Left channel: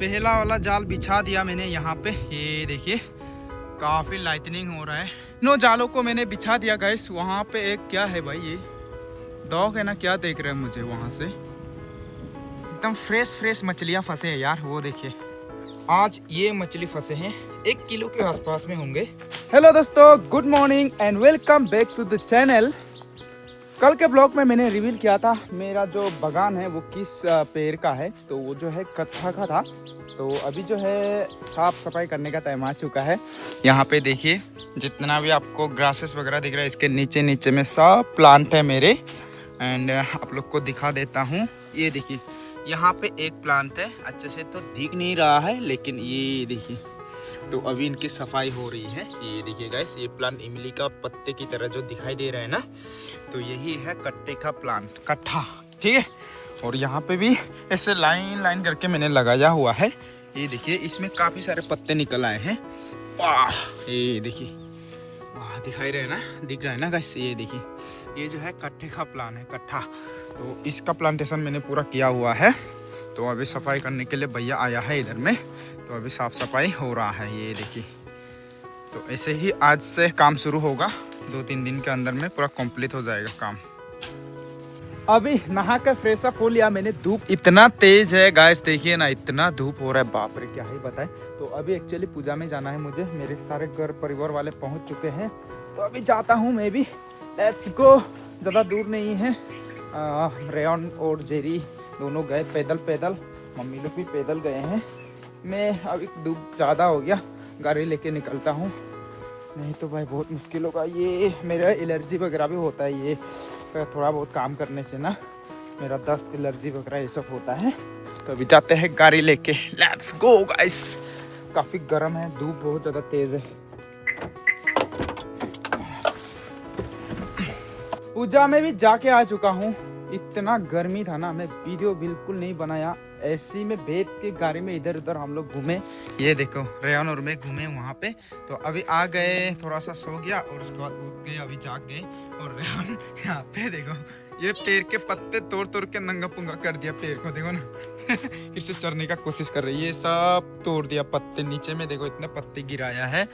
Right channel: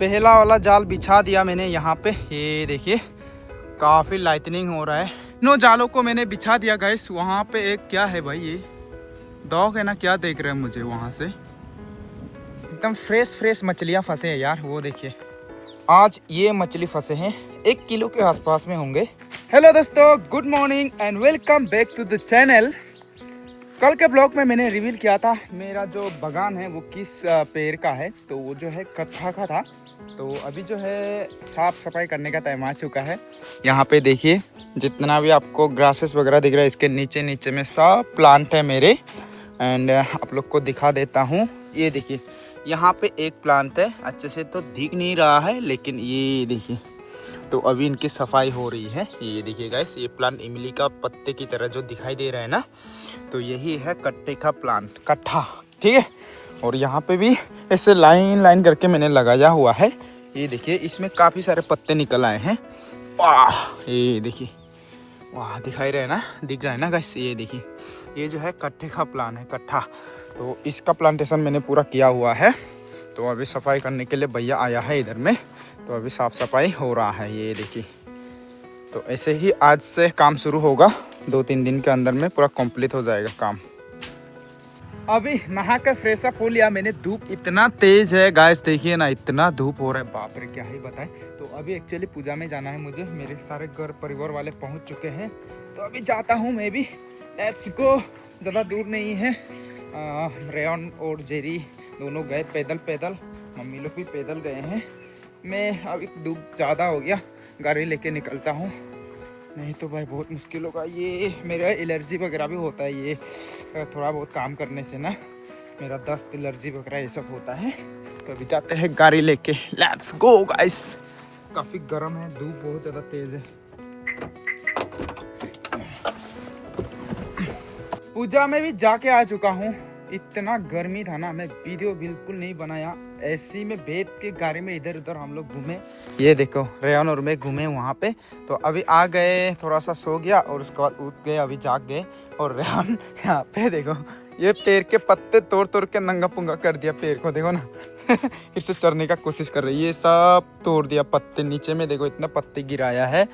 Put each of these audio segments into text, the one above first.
पहला वाला जाल बिछा दिया मैंने यहाँ पे। ये देखिए काफ़ी लाइटनिंग हो रहा है। नो जालों को मैंने बिछा दिया गाइस। वहाँ पे एक क्या है भाई, ये डॉग है ना, क्या देख रहे हैं मुझे वहाँ से। एकदम फ्रेश मछलियाँ फंसे हैं यार, वो देखिए। आज ये मछली फंसे हैं 1 किलो के आसपास में होंगे। हेलो दोस्तों, good morning and welcome back to the channel. कल के ब्लॉग में मैंने रिवील किया था मेरा जो बागान है वो किस पेड़ का है, तो वो जो है कत्था का था। तो अभी जो है साफ़ सफाई करने का टाइम आ चुका है। यहाँ पे देखिए जितना भी आपको ग्रासेस वगैरह दिख रहा है, इसके नीचे में सब प्लांट है मेरे। एंड आप लोग को दिखा देता हूँ। ये देखिए यहाँ पे एक प्लांट है, अच्छे से तो दिख नहीं रहा है लेकिन ये देखिए, तो अभी इनकी सफाई हो रही है। ये देखिए गाइस, ये प्लांट इमली का पत्ते की तरह जो दिखाई दे रहा है ना, तो यही है कट्टे का प्लांट, कट्ठा, ठीक है। और यहाँ पे भी ऐसे लाइन करके मैंने लगाया हुआ है। ये देखिए इसमें काफ़ी सारे पत्ते निकल आए हैं। वाह, ये देखिए, वाह दिखाई रहा है ना, दिख रहा है ना गाइस। ये देखिए ये जो है कट्टे का प्लांट है, कट्ठा। तो इसका प्लांटेशन मैंने पूरा किया हुआ है। तो अभी सफाई करने के लिए भैया आया है इधर में, तो अभी साफ़ सफाई हो रहा है। ये देखिए, तो ऐसे ही आज से काम शुरू होगा। 2-3 दिन के अंदर में पूरा कंप्लीट हो जाएगा काम। अभी नहा कर फ्रेश अप हो लिया मैंने। धूप इतना तेज है गाइस, देखिए ना, इतना धूप हो रहा है, बाप रे क्या ही बताएं। तो अभी एक्चुअली पूजा में जाना है मुझे। मेरे सारे घर परिवार वाले पहुंच चुके हैं, तो अभी जाता हूं मैं भी। Let's go. ज़्यादा दूर नहीं है। रेयन और जेरी दोनों गए पैदल, मम्मी लोग भी पैदल गए हैं। मैं अभी धूप ज़्यादा हो गया, गाड़ी लेके निकलता हूँ, नहीं तो भाई बहुत मुश्किल होगा। ये मेरा एलर्जी वगैरह भी होता है, ये थोड़ा बहुत काम करने से ना मेरा दस्त, एलर्जी वगैरह ये सब होता है। तो अभी जाते हैं गाड़ी लेके। Let's go guys. काफ़ी गर्म है, धूप बहुत ज़्यादा तेज़ है। पूजा में भी जाके आ चुका हूँ। इतना गर्मी था ना, मैं वीडियो बिल्कुल नहीं बनाया। ऐसी में बैठ के गाड़ी में इधर उधर हम लोग घूमे। ये देखो रेयन और मैं घूमे वहाँ पे। तो अभी आ गए, थोड़ा सा सो गया और उसके बाद उठ गए, अभी जाग गए। और रेयन यहाँ पे देखो, ये पेड़ के पत्ते तोड़ के नंगा पुंगा कर दिया पेड़ को, देखो ना। फिर से चढ़ने का कोशिश कर रही है, ये सब तोड़ दिया पत्ते। नीचे में देखो इतना पत्ते गिराया है,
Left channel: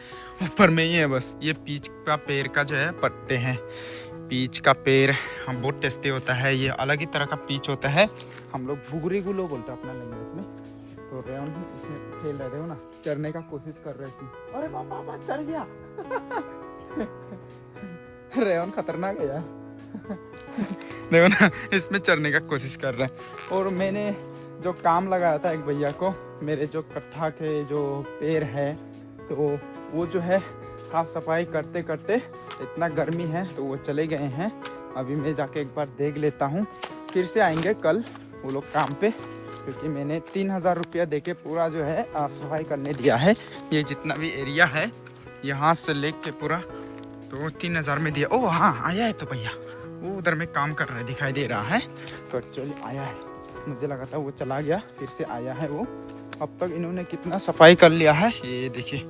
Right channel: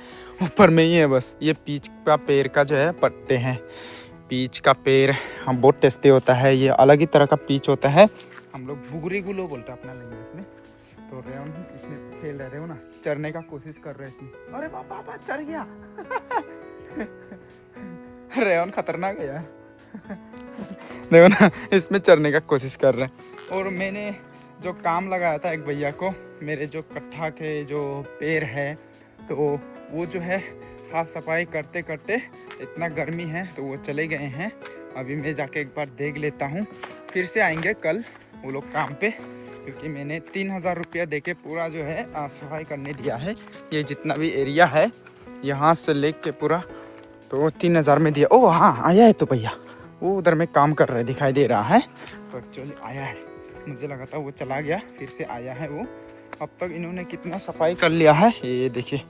ऊपर में ही है बस। ये पीच का पेड़ का जो है पत्ते हैं। पीच का पेड़ हम बहुत टेस्टी होता है, ये अलग ही तरह का पीच होता है। हम लोग बुगरी गुलो बोलते हैं अपना लैंग्वेज में। तो रेयन इसमें खेल रहे थे ना, चढ़ने का कोशिश कर रहे थे। अरे बाबा चढ़ गया। रेयन खतरनाक है यार। देखो ना, इसमें चढ़ने का कोशिश कर रहे हैं। और मैंने जो काम लगाया था एक भैया को, मेरे जो कट्ठा के जो पेड़ है, तो वो जो है साफ़ सफाई करते इतना गर्मी है तो वो चले गए हैं। अभी मैं जाके एक बार देख लेता हूँ, फिर से आएंगे कल वो लोग काम पे, क्योंकि मैंने 3000 रुपया दे के पूरा जो है सफाई करने दिया है। ये जितना भी एरिया है यहाँ से लेके पूरा, तो 3000 में दिया। ओह हाँ, आया है तो भैया, वो उधर में काम कर रहे दिखाई दे रहा है। तो एक्चुअली आया है, मुझे लगा था वो चला गया, फिर से आया है वो। अब तक इन्होंने कितना सफाई कर लिया है, ये देखिए,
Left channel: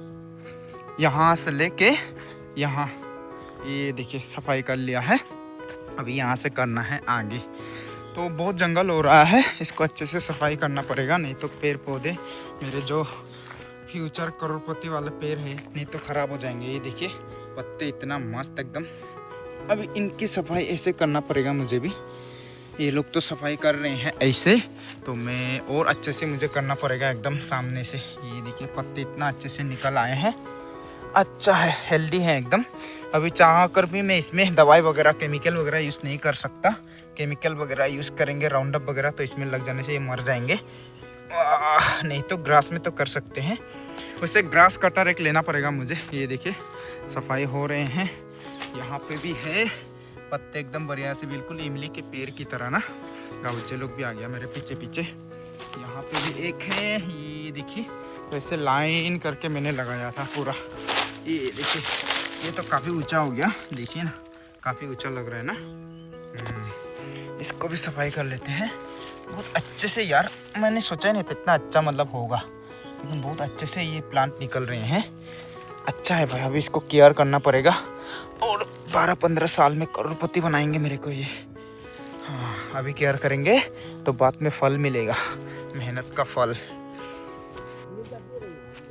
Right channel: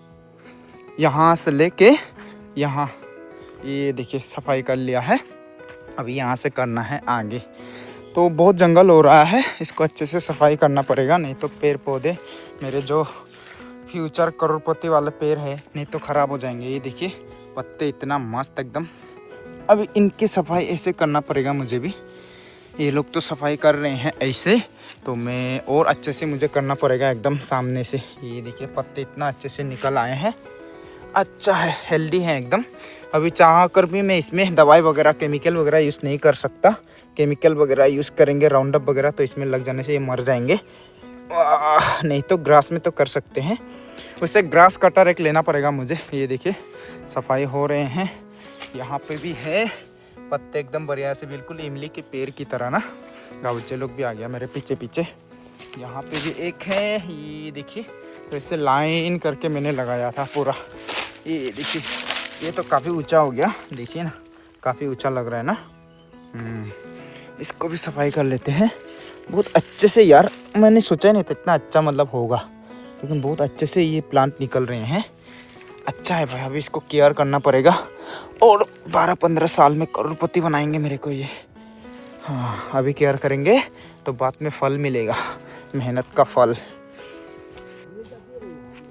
यहाँ से लेके यहाँ, ये देखिए सफाई कर लिया है। अभी यहाँ से करना है आगे। तो बहुत जंगल हो रहा है, इसको अच्छे से सफाई करना पड़ेगा, नहीं तो पेड़ पौधे मेरे जो फ्यूचर करोड़पति वाले पेड़ है, नहीं तो ख़राब हो जाएंगे। ये देखिए पत्ते इतना मस्त एकदम। अभी इनकी सफाई ऐसे करना पड़ेगा मुझे भी। ये लोग तो सफाई कर रहे हैं ऐसे, तो मैं और अच्छे से मुझे करना पड़ेगा एकदम सामने से। ये देखिए पत्ते इतना अच्छे से निकल आए हैं, अच्छा है, हेल्दी है एकदम। अभी चाह कर भी मैं इसमें दवाई वगैरह, केमिकल वगैरह यूज़ नहीं कर सकता। केमिकल वगैरह यूज़ करेंगे, राउंडअप वगैरह, तो इसमें लग जाने से ये मर जाएंगे। नहीं तो ग्रास में तो कर सकते हैं। वैसे ग्रास कटर एक लेना पड़ेगा मुझे। ये देखिए सफाई हो रहे हैं, यहाँ पे भी है पत्ते एकदम बढ़िया से, बिल्कुल इमली के पेड़ की तरह ना। गाँवचे लोग भी आ गया मेरे पीछे। यहाँ पे भी एक है, ये देखिए। तो ऐसे लाइन करके मैंने लगाया था पूरा। ये देखिए, ये तो काफ़ी ऊंचा हो गया, देखिए ना, काफ़ी ऊंचा लग रहा है ना। इसको भी सफाई कर लेते हैं बहुत अच्छे से यार। मैंने सोचा नहीं था इतना अच्छा मतलब होगा, लेकिन बहुत अच्छे से ये प्लांट निकल रहे हैं। अच्छा है भाई, अभी इसको केयर करना पड़ेगा और 12-15 साल में करोड़पति बनाएंगे मेरे को ये। हाँ, अभी केयर करेंगे तो बाद में फल मिलेगा, मेहनत का फल।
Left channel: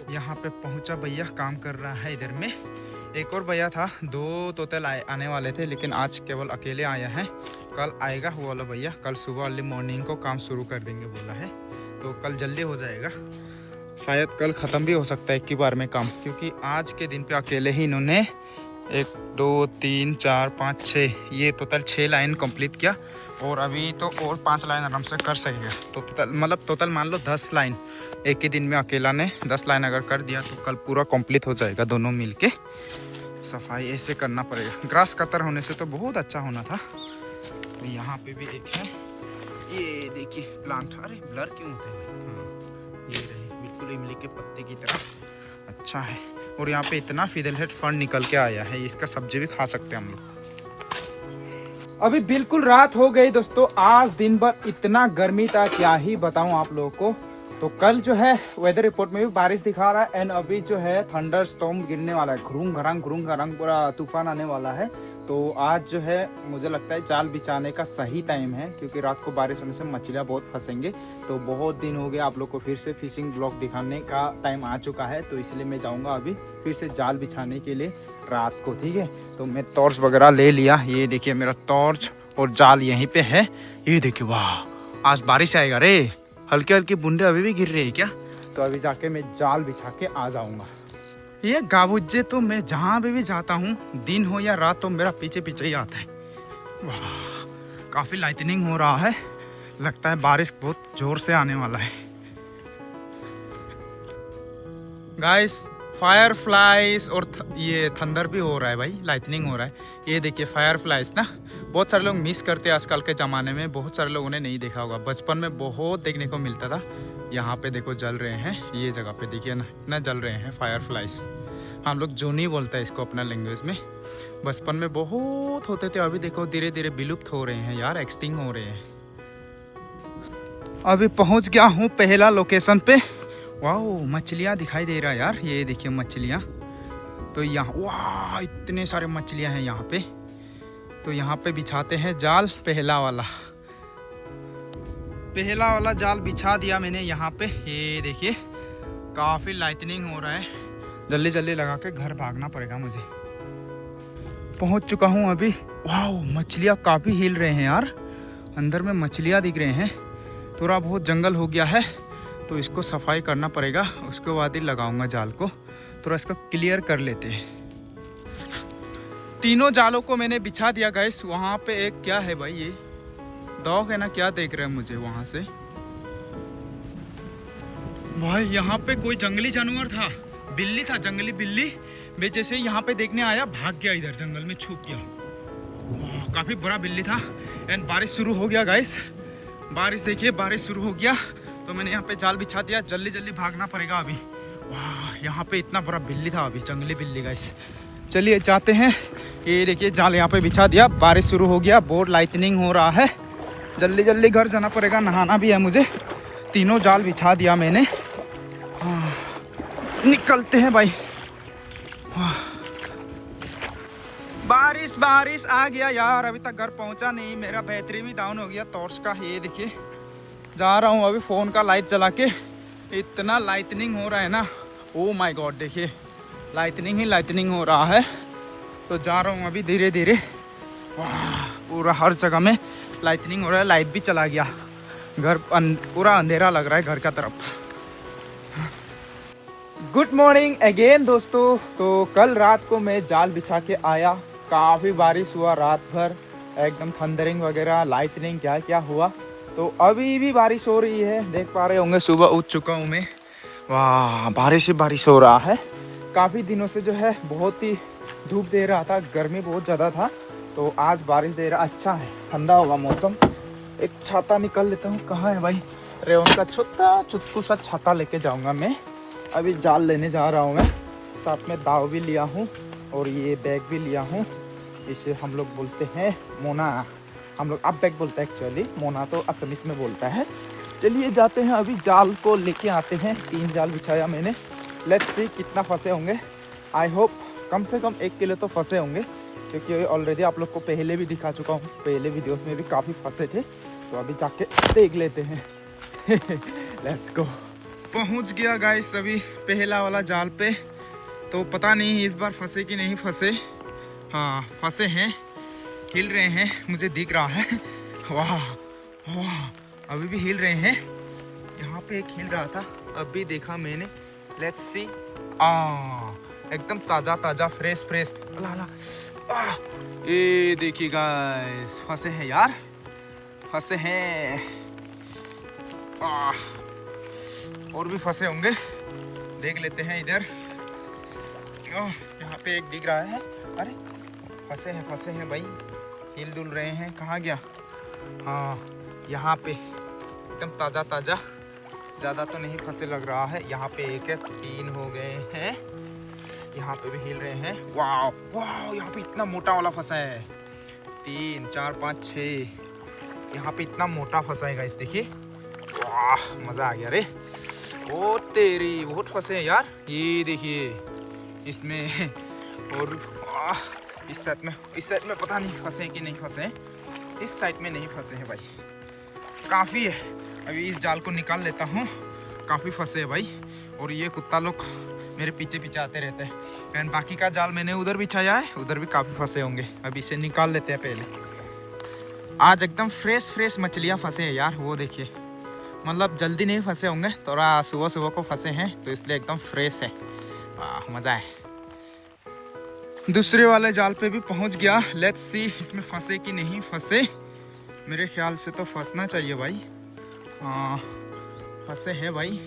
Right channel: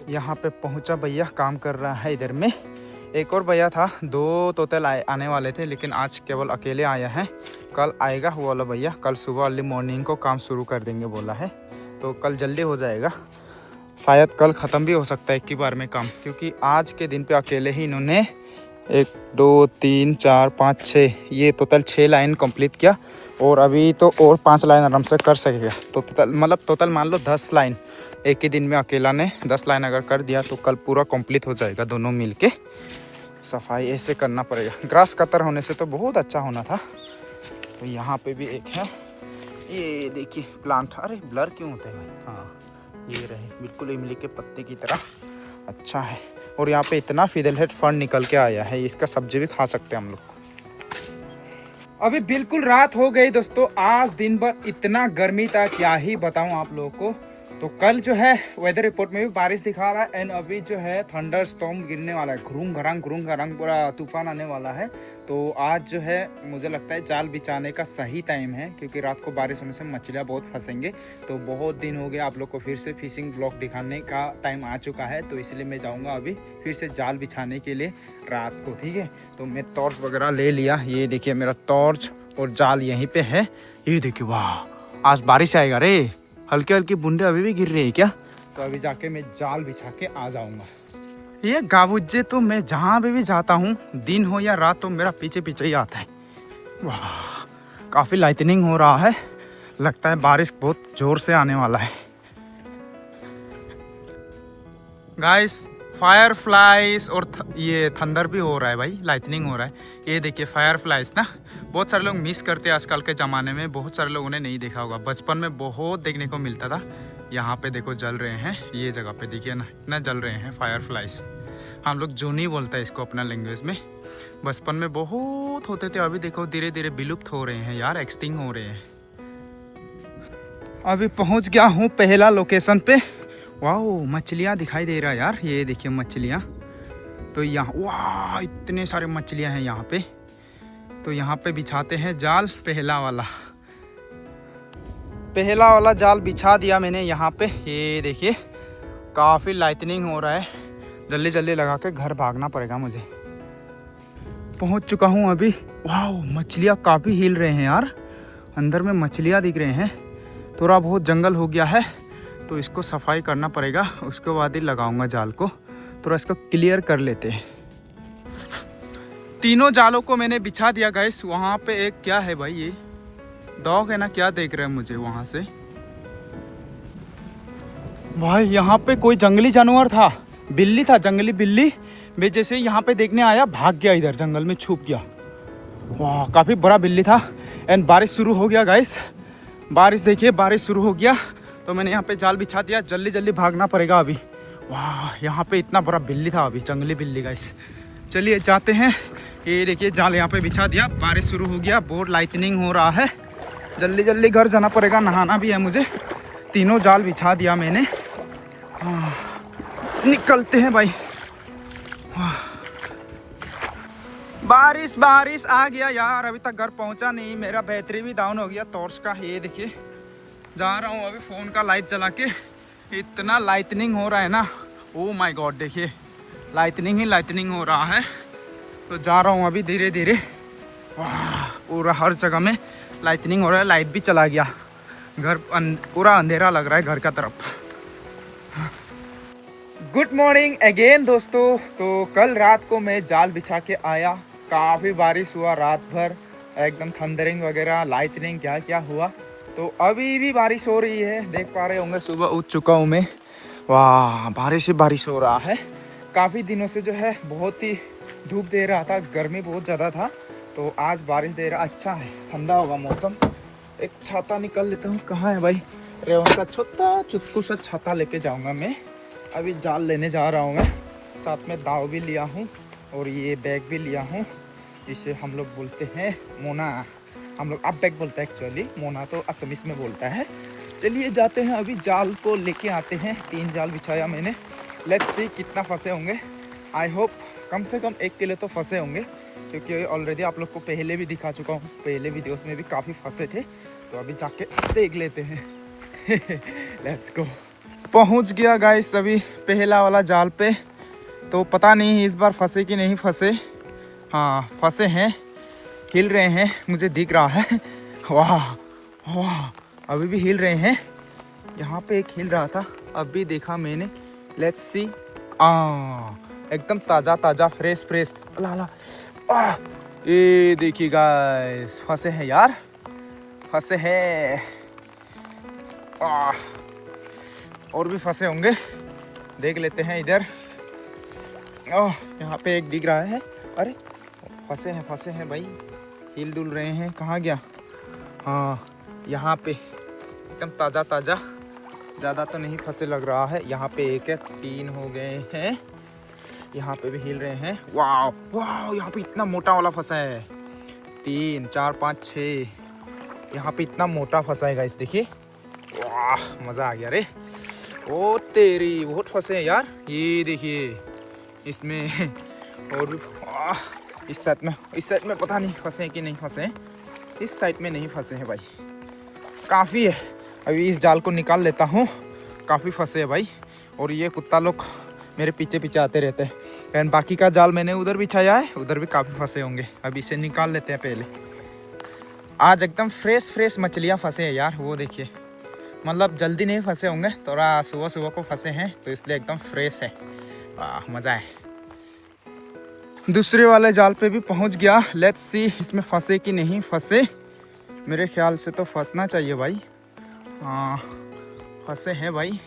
यहाँ पे पहुँचा भैया, काम कर रहा है इधर में। एक और भैया था, 2 तोते आने वाले थे, लेकिन आज केवल अकेले आया है। कल आएगा वो वाला भैया, कल सुबह अर्ली मॉर्निंग को काम शुरू कर देंगे बोला है, तो कल जल्दी हो जाएगा। शायद कल ख़त्म भी हो सकता है एक ही बार में काम, क्योंकि आज के दिन पे अकेले ही इन्होंने 1 2 3 4 5 6 ये टोटल 6 लाइन कंप्लीट किया, और अभी तो और 5 लाइन आराम से कर सकेगा। तो टोटल मान लो 10 लाइन एक ही दिन में अकेला ने 10 लाइन अगर कर दिया तो कल पूरा कंप्लीट हो जाएगा। दोनों मिलके सफाई ऐसे करना पड़ेगा। ग्रास कतर होने से तो बहुत अच्छा होना था। तो यहाँ पे भी एक है, ये देखिए प्लांट। अरे ब्लर क्यों होता है भाई? हाँ ये रहे, बिल्कुल इमली के पत्ते की तरह, अच्छा है। और यहाँ पे इतना फिडलहेड फर्न निकल के आया है, इसका सब्जी भी खा सकते हैं हम लोग। अभी बिल्कुल रात हो गई दोस्तों। आज दिन भर इतना गर्मी था, क्या ही बताऊं आप लोगों को। तो कल जो है वेदर रिपोर्ट में भी बारिश दिखा रहा है, एंड अभी जो है थंडर स्टॉर्म गिरने वाला है, घुरूंग घरंग पूरा तूफान आने वाला है। तो आज जो है मुझे लगता है जाल बिछाने का सही टाइम है, क्योंकि रात को बारिश होने से मछलियाँ बहुत फंसेंगे। तो बहुत दिन हो गए आप लोग को फिर से फिशिंग ब्लॉग दिखाने का टाइम आ चुका है, तो इसलिए मैं जाऊँगा अभी फिर से जाल बिछाने के लिए रात को, ठीक है। तो मैं टॉर्च वगैरह ले लिया, ये देखिए मेरा टॉर्च और जाल यहीं पे है। ये देखिए वाह, आज बारिश आएगा रे, हल्के हल्के बूंदे अभी भी गिर रहे हैं क्या। तो अभी जाके मैं जाल बिछा के आ जाऊँगा। ये गाबुज्जे तो मैं जहाँ भी जाता हूँ, दिन हो या रात, तो मेरा पीछे पीछे ही आता है। वाह, काफ़ी लाइटनिंग हो रहा है, लगता है बारिश बहुत ज़ोर से आने वाला है। गाइस फायर फ्लाइज और ये थंडर भी हो रहा है भाई, लाइटनिंग हो रहा है। ये देखिए फायर फ्लाइज ना, बहुत सारे लोग मिस करते हैं आजकल के ज़माने में, बहुत सारे लोगों ने नहीं देखा होगा। बचपन में बहुत देखने को मिलता था। यहाँ पे देखो जल रहे हैं, ये जगह पे देखिए ना, इतना जल रहे हैं फायर फ्लाइज। हम लोग जोनी बोलते हैं इसको अपना लैंग्वेज में। बचपन में बहुत होते थे, अभी देखो धीरे धीरे विलुप्त हो रहे हैं यार, एक्सटिंक्ट हो रहे हैं। अभी पहुँच गया हूँ पहला लोकेशन पे। वाह मछलियाँ दिखाई दे रहा है यार, ये देखिए मछलियाँ। तो यहाँ वाह इतने सारे मछलियाँ हैं यहाँ पे। तो यहाँ पे बिछाते हैं जाल, पहला वाला जाल बिछा दिया मैंने यहाँ पे। ये देखिए काफ़ी लाइटनिंग हो रहा है, जल्दी जल्दी लगा के घर भागना पड़ेगा मुझे। पहुँच चुका हूँ अभी। वाह मछलियाँ काफ़ी हिल रहे हैं यार, अंदर में मछलियाँ दिख रहे हैं। थोड़ा बहुत जंगल हो गया है, तो इसको सफाई करना पड़ेगा, उसके बाद ही लगाऊंगा जाल को। थोड़ा इसको क्लियर कर लेते हैं। तीनों जालों को मैंने बिछा दिया गाइस। वहाँ पे एक क्या है भाई, ये डॉग है ना, क्या देख रहे हैं मुझे वहाँ से। भाई यहाँ पे कोई जंगली जानवर था, बिल्ली था, जंगली बिल्ली। मैं जैसे यहाँ पे देखने आया भाग गया, इधर जंगल में छुप गया। वाह काफ़ी बड़ा बिल्ली था। एंड बारिश शुरू हो गया गाइस, बारिश देखिए, बारिश शुरू हो गया। तो मैंने यहाँ पे जाल बिछा दिया, जल्दी जल्दी भागना पड़ेगा अभी। वाह यहाँ पे इतना बड़ा बिल्ली था अभी, जंगली बिल्ली गाइस। चलिए जाते हैं। ये देखिए जाल यहाँ पे बिछा दिया, बारिश शुरू हो गया, बहुत लाइटनिंग हो रहा है, जल्दी जल्दी घर जाना पड़ेगा, नहाना भी है मुझे। तीनों जाल बिछा दिया मैंने। हाँ निकलते हैं भाई। बारिश आ गया यार, अभी तक घर पहुंचा नहीं, मेरा बैटरी भी डाउन हो गया टॉर्च का। ये देखिए जा रहा हूँ अभी फ़ोन का लाइट जला के, इतना लाइटनिंग हो रहा है ना, ओ माय गॉड देखिए लाइटनिंग ही लाइटनिंग हो रहा है। तो जा रहा हूँ अभी धीरे धीरे। वाह पूरा हर जगह में लाइटनिंग हो रहा है, लाइट भी चला गया, घर पूरा अंधेरा लग रहा है घर का तरफ। गुड मॉर्निंग अगेन दोस्तों। तो कल रात को मैं जाल बिछा के आया, काफ़ी बारिश हुआ रात भर, एकदम थंडरिंग वगैरह, लाइटनिंग क्या क्या हुआ। तो अभी भी बारिश हो रही है, देख पा रहे होंगे, सुबह उठ चुका हूँ मैं। वाह बारिश ही बारिश हो रहा है। काफ़ी दिनों से जो है बहुत ही धूप दे रहा था, गर्मी बहुत ज़्यादा था, तो आज बारिश दे रहा, अच्छा है, ठंडा होगा मौसम। एक छाता निकल लेता हूँ, कहाँ है भाई, रेवन का छोटा चुटकू सा छाता लेके जाऊँगा मैं। अभी जाल लेने जा रहा हूँ मैं, साथ में दाव भी लिया हूँ और ये बैग भी लिया हूँ। इसे हम लोग बोलते हैं मोना, हम लोग अब बैग बोलते हैं एक्चुअली, मोना तो असमीज में बोलता है। चलिए जाते हैं, अभी जाल को लेके आते हैं। 3 जाल बिछाया मैंने, लेट्स सी कितना फंसे होंगे। आई होप कम से कम 1 किलो तो फंसे होंगे, क्योंकि ऑलरेडी आप लोग को पहले भी दिखा चुका हूँ, पहले वीडियोस में भी काफ़ी फंसे थे। तो अभी जाके देख लेते हैं। Let's go. पहुंच गया गाइस अभी पहला वाला जाल पे। तो पता नहीं इस बार फंसे कि नहीं फंसे। हाँ फंसे हैं, हिल रहे हैं, मुझे दिख रहा है। वाह वाह, अभी भी हिल रहे हैं। यहाँ पे एक हिल रहा था, अभी देखा मैंने। Let's see. एकदम ताज़ा ताज़ा फ्रेश फ्रेश। अला अला, ये देखिए गाइस, फंसे हैं यार, फंसे हैं। और भी फंसे होंगे, देख लेते हैं इधर। यहाँ पे एक दिख रहा है। अरे फंसे हैं भाई, हिल डुल रहे हैं। कहाँ गया? हाँ यहाँ पे एकदम ताज़ा ताज़ा, ज़्यादा तो नहीं फंसे लग रहा है। यहाँ पे एक है, 3 हो गए हैं। यहाँ पे भी हिल रहे हैं। वाह वाह, यहाँ पे इतना मोटा वाला फंसा है। 3 4 5 6, यहाँ पे इतना मोटा फंसा है गाइस, देखिए। वाह मज़ा आ गया रे। ओ तेरी, बहुत फंसे हैं यार। ये देखिए इसमें और भी। इस साइड में पता नहीं फंसे हैं कि नहीं फंसे हैं। इस साइड में नहीं फंसे हैं भाई, काफ़ी है। अभी इस जाल को निकाल लेता हूँ, काफ़ी फंसे हैं भाई। और ये कुत्ता लोग मेरे पीछे पीछे आते रहते हैं। एंड बाकी का जाल मैंने उधर बिछाया है, उधर भी काफ़ी फंसे होंगे। अभी इसे निकाल लेते हैं पहले। आज एकदम फ्रेश मछलियाँ फंसे हैं यार, वो देखिए। मतलब जल्दी नहीं फंसे होंगे, थोड़ा सुबह सुबह को फंसे हैं, तो इसलिए एकदम फ्रेश है। वाह मज़ा है। दूसरे वाले जाल पे भी पहुंच गया। लेट्स सी इसमें फंसे कि नहीं फंसे। मेरे ख्याल से तो फंसना चाहिए भाई। हाँ फंसे हैं भाई।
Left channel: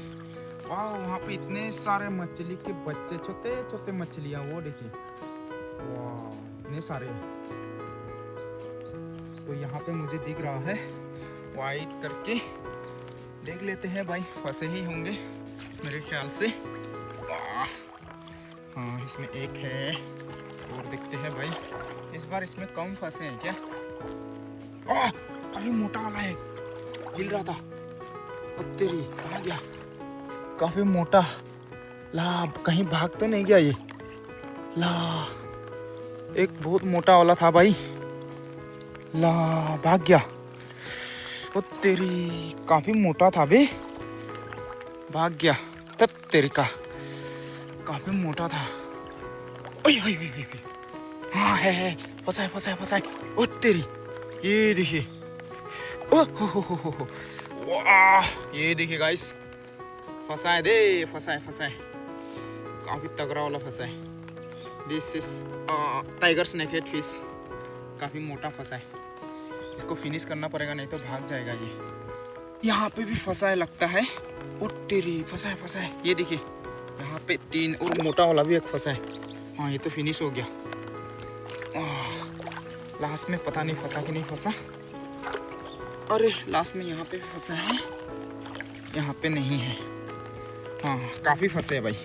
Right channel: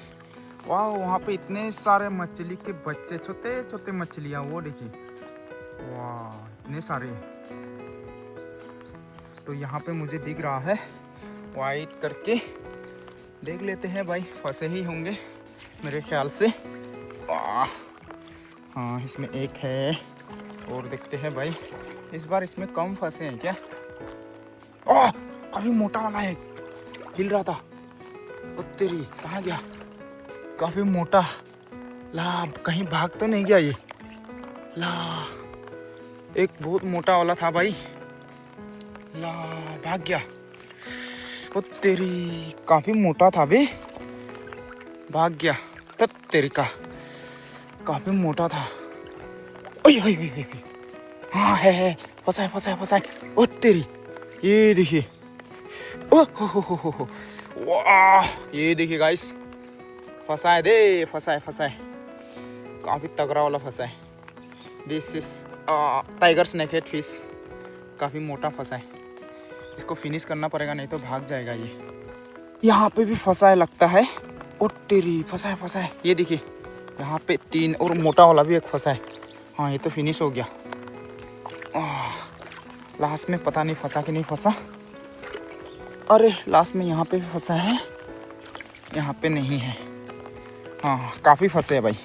वाह वहाँ पे इतने सारे मछली के बच्चे, छोटे छोटे मछलियाँ, वो देखिए। वाह इतने सारे। तो यहाँ पे मुझे दिख रहा है, वाइट करके देख लेते हैं भाई। फंसे ही होंगे मेरे ख्याल से। हाँ इसमें एक है, और देखते हैं भाई। इस बार इसमें कम फंसे हैं क्या? काफी मोटा वाला है, हिल रहा था। तेरी, कहाँ गया? काफी मोटा। ला कहीं भाग तो नहीं गया ये? ला एक बहुत मोटा वाला था भाई। ला भाग गया। तेरी, काफी मोटा था बे, भाग गया। तेरी का काफी मोटा था। हाँ है, फंसा है। ओ तेरी, ये देखिए। वाह ये देखिए गाइस, फंसा है। काफी तगड़ा वाला फंसा है। This is tiger snakehead fish. काफी मोटा फंसा है, इसको फिनिश करना पड़ेगा, नहीं तो भाग जाएगा ये। यहाँ पे भी फंसा है लगता है। ओ तेरी, फंसा है। ये देखिए यहाँ पे 3, और मोटा वाला भी एक फंसा है। हाँ ये तो फिनिश हो गया। लास्ट में पता नहीं फंसा कि नहीं फंसा। अरे लास्ट में यहाँ पे भी फंसा है, यहाँ पे नहीं है। हाँ काफ़ी फंसे हैं भाई।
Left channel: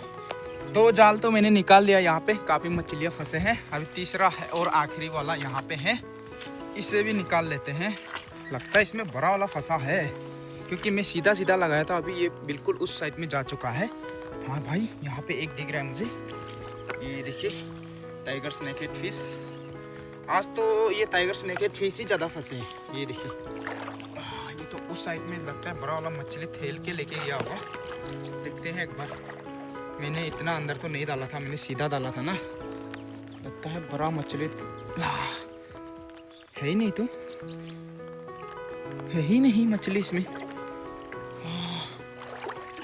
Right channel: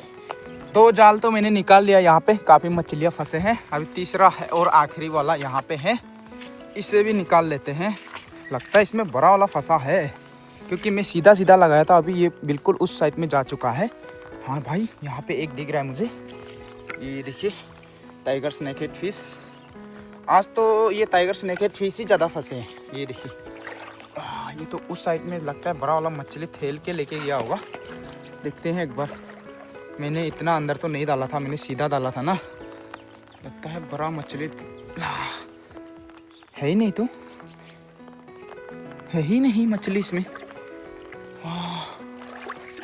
2 जाल तो मैंने निकाल लिया, यहाँ पे काफ़ी मछलियाँ फंसे हैं। अभी तीसरा है और आखिरी वाला यहाँ पे है, इसे भी निकाल लेते हैं। लगता है इसमें बड़ा वाला फंसा है, क्योंकि मैं सीधा लगाया था, अभी ये बिल्कुल उस साइड में जा चुका है। हाँ भाई यहाँ पे एक दिख रहा है मुझे, ये देखिए टाइगर स्नेकहेड फिश। आज तो ये टाइगर स्नेकहेड फिश ही ज़्यादा फंसे हैं। ये देखिए ये तो उस साइड में लगता है बड़ा वाला मछली थेल के लेके गया होगा। देखते हैं एक बार। मैंने इतना अंदर तो नहीं डाला था, मैंने सीधा डाला था ना। लगता है बड़ा मछली है ही नहीं, तो है ही नहीं मछली इसमें।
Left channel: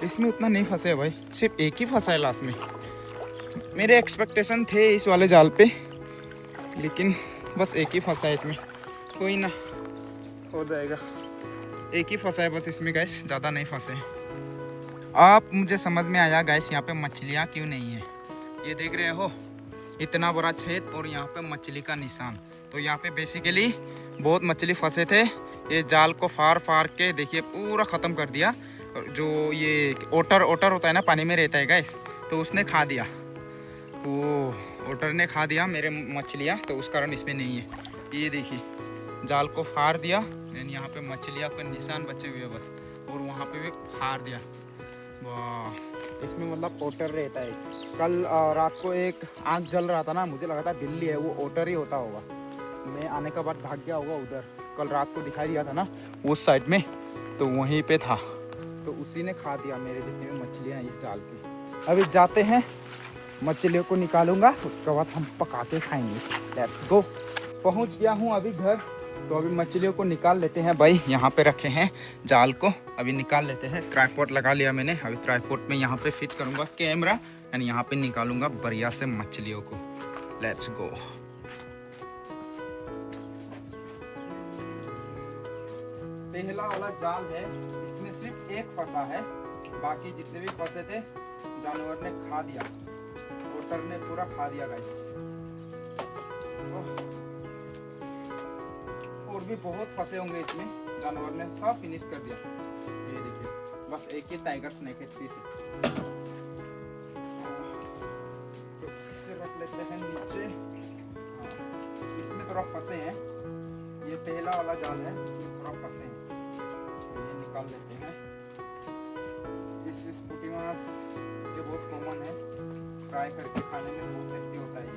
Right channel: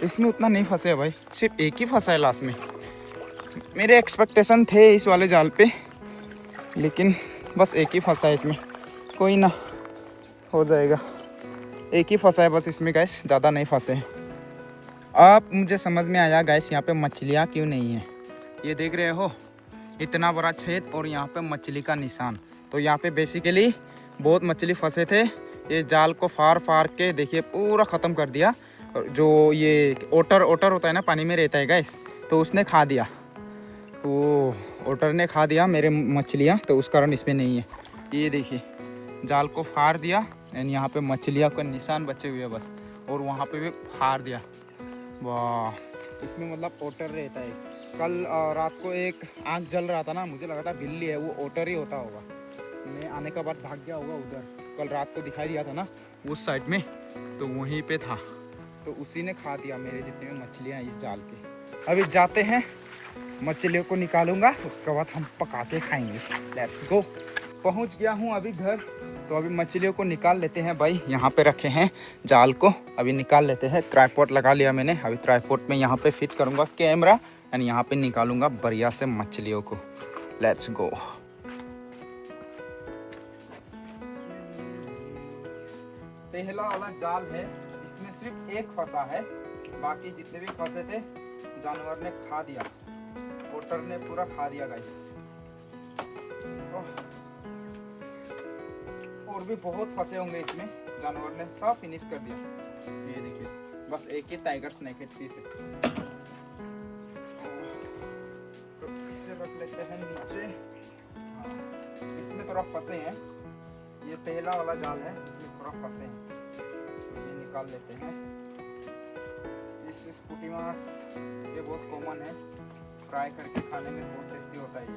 इसमें उतना नहीं फंसे है भाई, सिर्फ एक ही फंसा है लास्ट में। मेरे एक्सपेक्टेशन थे इस वाले जाल पे, लेकिन बस एक ही फंसा है इसमें। कोई ना, हो जाएगा। एक ही फंसा है बस इसमें गैस, ज़्यादा नहीं फंसे हैं। अब मुझे समझ में आया गैस, यहाँ पे मछलियाँ क्यों नहीं हैं। ये देख रहे हो, इतना बड़ा छेद और यहाँ पे मछली का निशान। तो यहाँ पे बेसिकली बहुत मछली फंसे थे। ये जाल को फाड़ के देखिए पूरा ख़त्म कर दिया। जो ये ओटर होता है ना, पानी में रहता है गैस, तो उसने खा दिया। वो ओटर ने खा दिया मेरे मछलियाँ, तो उस कारण इसमें नहीं है। ये देखिए जाल को फाड़ दिया, एंड यहाँ पे मछलियाँ का निशान बचे हुए हैं बस, और वहाँ पे भी फाड़ दिया। वाह, इसमें मतलब ओटर रहता है। कल रात को एक आँख जल रहा था ना, मुझे लगा था बिल्ली है, वो ओटर ही होता होगा। मैं आने के बाद भाग गया होगा उधर। कल रात को दिखाई दिया था ना उस साइड में, तो वहीं पे था। तो उसी ने खा दिया मेरे जितने भी मछलियाँ हैं इस जाल के। अभी जाते हैं, मछलियों को निकालूंगा, उसके बाद हम पका के खाएंगे। Let's go. पहुंच गया हूं अभी घर, तो अभी मछलियों को निकाल लेते हैं भाई। यहाँ पे रखे हैं जाल को, अभी निकाल लेते हैं। ट्राइपॉड लगा लिया मैंने, अभी ट्राइपॉड में यहाँ पे फिट करूँगा कैमरा एंड यहाँ पे निकालूंगा बढ़िया से मछलियों को। Let's go. पहला वाला जाल है, इसमें सिर्फ एक फंसा है, बाकी जितने भी फंसे थे जानवर ने खा दिया, ओटर ने पूरा खा दिया गाइस। और भी बहुत फंसे होंगे इसमें, जानवर ने सब फिनिश कर दिया। ये देखिए, बस एक ही टाइगर स्नेक है पीस है। तो इसे रख लेते हैं नीचे। हाँ, इसमें थोड़ा फंसे हैं, ये पहला वाला जाल है, इसमें थोड़ा फंसे हैं, तो ये निकाल लेते हैं। इस पुटी मास ये बहुत कॉमन है, फ्राई करके खाने में बहुत टेस्टी होता है। ये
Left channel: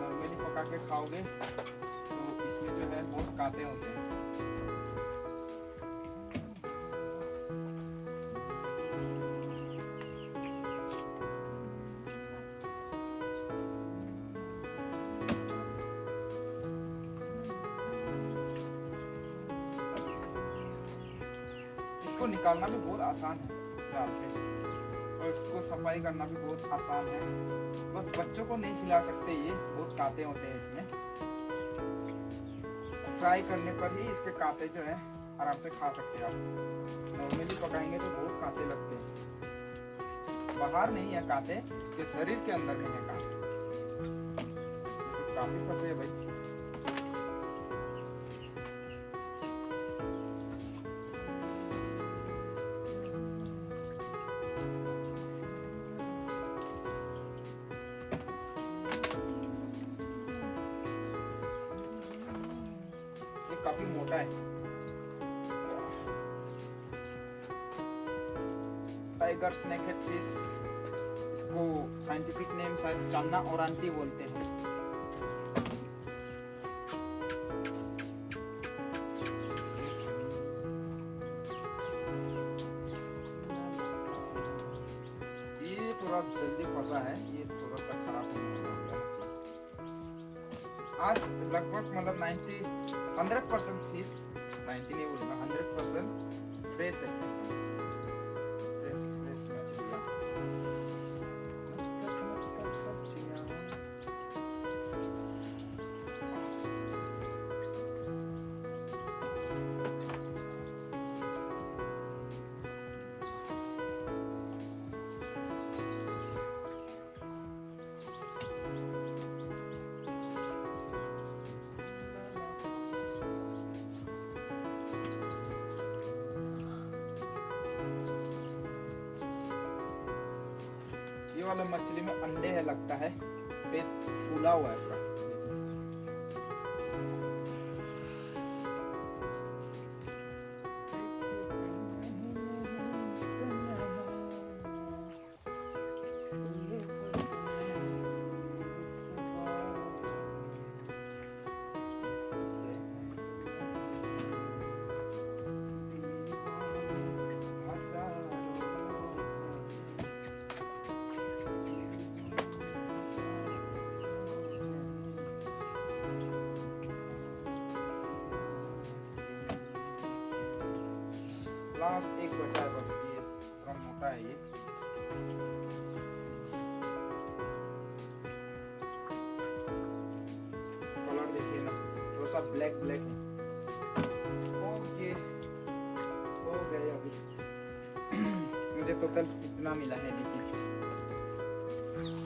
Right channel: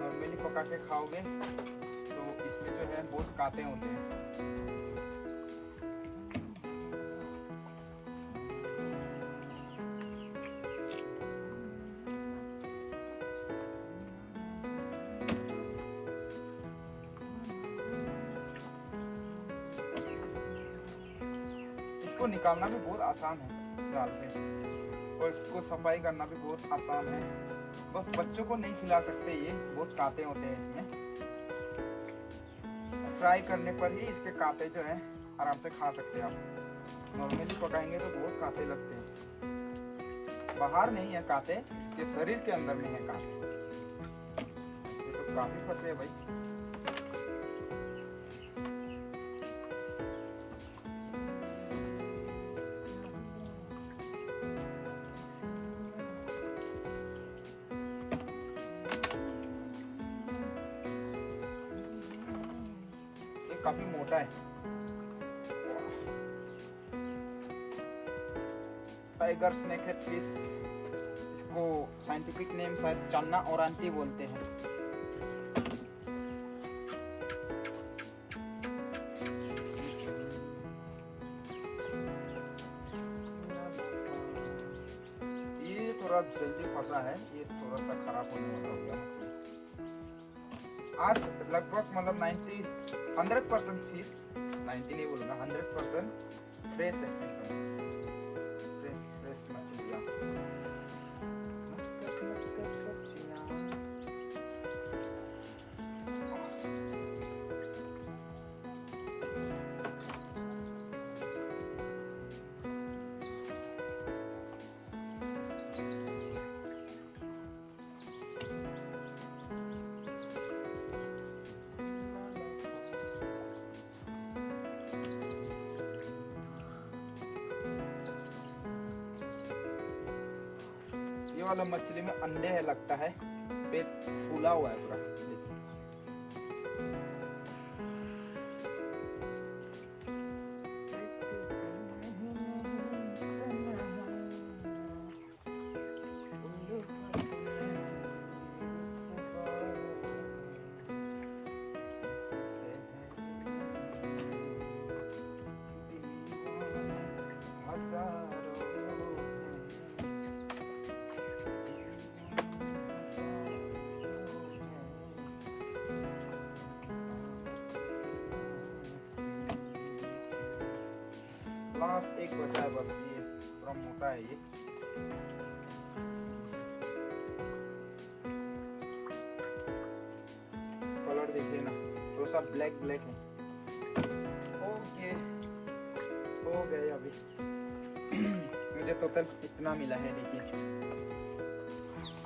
नॉर्मली पका के खाओगे तो इसमें जो है बहुत कांटे होते हैं। इसको निकालना भी बहुत आसान है जाल से, और इसको सफाई करना भी बहुत आसान है। बस बच्चों को नहीं खिला सकते, ये बहुत कांटे होते हैं इसमें। फ्राई करने पर ही इसके कांटे जो है आराम से खा सकते हैं आप। नॉर्मली पकाएंगे तो बहुत कांटे लगते हैं। बाहर नहीं है कांटे, इसके शरीर के अंदर में है कांटे। इसमें तो काफी फंसे हैं भाई। काफी मोटा है। टाइगर स्नेक हेड फिश, इसको साइंटिफिक नेम शायद चन्ना ओरांटी बोलते हैं। ये थोड़ा जल्दी फंसा है, ये थोड़ा सा खराब होने वाला हो गया मछली। आज लगभग मतलब 100% फिश, 90 नहीं बोलूँगा, 100% फ्रेश है, एकदम फ्रेश मछलियाँ। सब्जियाँ ये वाला मछली में अंडे है लगता है, पेट फूला हुआ है पूरा। लास्ट एक बचा है बस, ये थोड़ा मोटा है। ये कलर देखिए ना, थोड़ा सा ब्लैक ब्लैक है। ओके, हो गए अभी। मुझे टोटल कितना मिला है देखिए।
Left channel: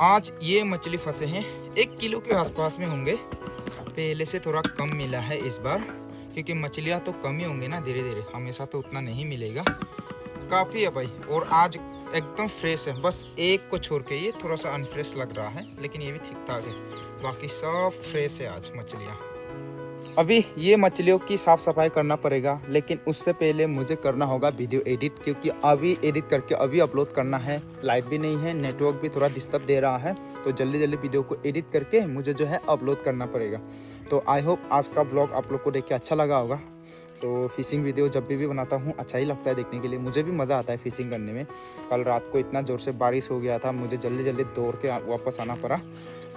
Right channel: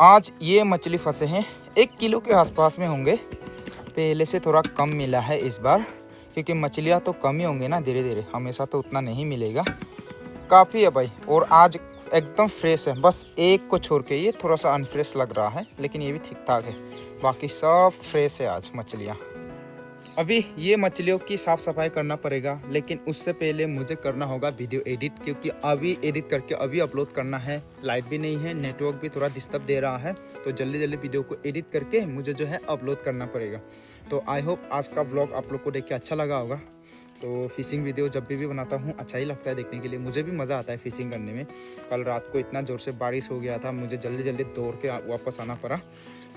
आज ये मछली फंसे हैं 1 किलो के आसपास में होंगे, पहले से थोड़ा कम मिला है इस बार, क्योंकि मछलियाँ तो कम ही होंगे ना धीरे धीरे, हमेशा तो उतना नहीं मिलेगा। काफ़ी है भाई, और आज एकदम फ्रेश है, बस एक को छोड़ के ये थोड़ा सा अनफ्रेश लग रहा है, लेकिन ये भी ठीक ठाक है, बाकी सब फ्रेश है आज मछलियाँ। अभी ये मछलियों की साफ़ सफाई करना पड़ेगा, लेकिन उससे पहले मुझे करना होगा वीडियो एडिट, क्योंकि अभी एडिट करके अभी अपलोड करना है। लाइट भी नहीं है, नेटवर्क भी थोड़ा डिस्टर्ब दे रहा है, तो जल्दी जल्दी वीडियो को एडिट करके मुझे जो है अपलोड करना पड़ेगा। तो आई होप आज का ब्लॉग आप लोग को देख के अच्छा लगा होगा। तो फिशिंग वीडियो जब भी बनाता हूँ अच्छा ही लगता है देखने के लिए, मुझे भी मज़ा आता है फिशिंग करने में। कल रात को इतना ज़ोर से बारिश हो गया था, मुझे जल्दी जल्दी दौड़ के वापस आना पड़ा।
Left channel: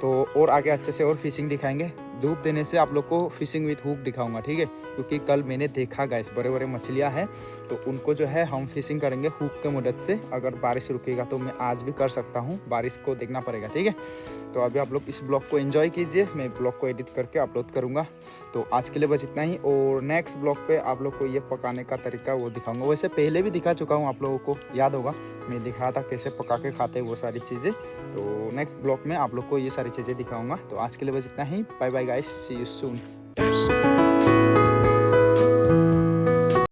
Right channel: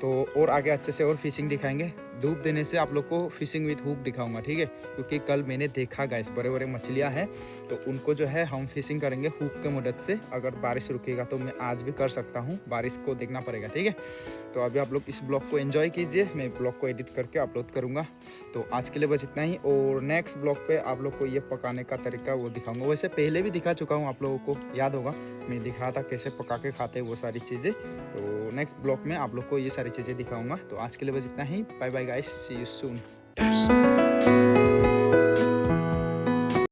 तो और आगे अच्छे से और फिशिंग दिखाएंगे, धूप देने से आप लोग को फिशिंग विद हुक दिखाऊंगा, ठीक है। क्योंकि कल मैंने देखा गाइस बड़े बड़े मछलियाँ हैं, तो उनको जो है हम फिशिंग करेंगे हुक के मदद से। अगर बारिश रुकेगा तो मैं आज भी कर सकता हूँ, बारिश को देखना पड़ेगा, ठीक है। तो अभी आप लोग इस ब्लॉग को एंजॉय कीजिए, मैं ब्लॉग को एडिट करके अपलोड करूँगा। तो आज के लिए बस इतना ही, और नेक्स्ट ब्लॉग पे आप लोग को ये पकाने का तरीका वो दिखाऊंगा। वैसे पहले भी दिखा चुका हूँ, आप लोगों को याद होगा, मैं दिखाया था कैसे पका के खाते हैं वो सारी चीज़ें। तो नेक्स्ट ब्लॉग में आप लोग को ये सारी चीज़ें दिखाऊंगा। तो आज के लिए बस इतना ही, bye bye guys, see you soon.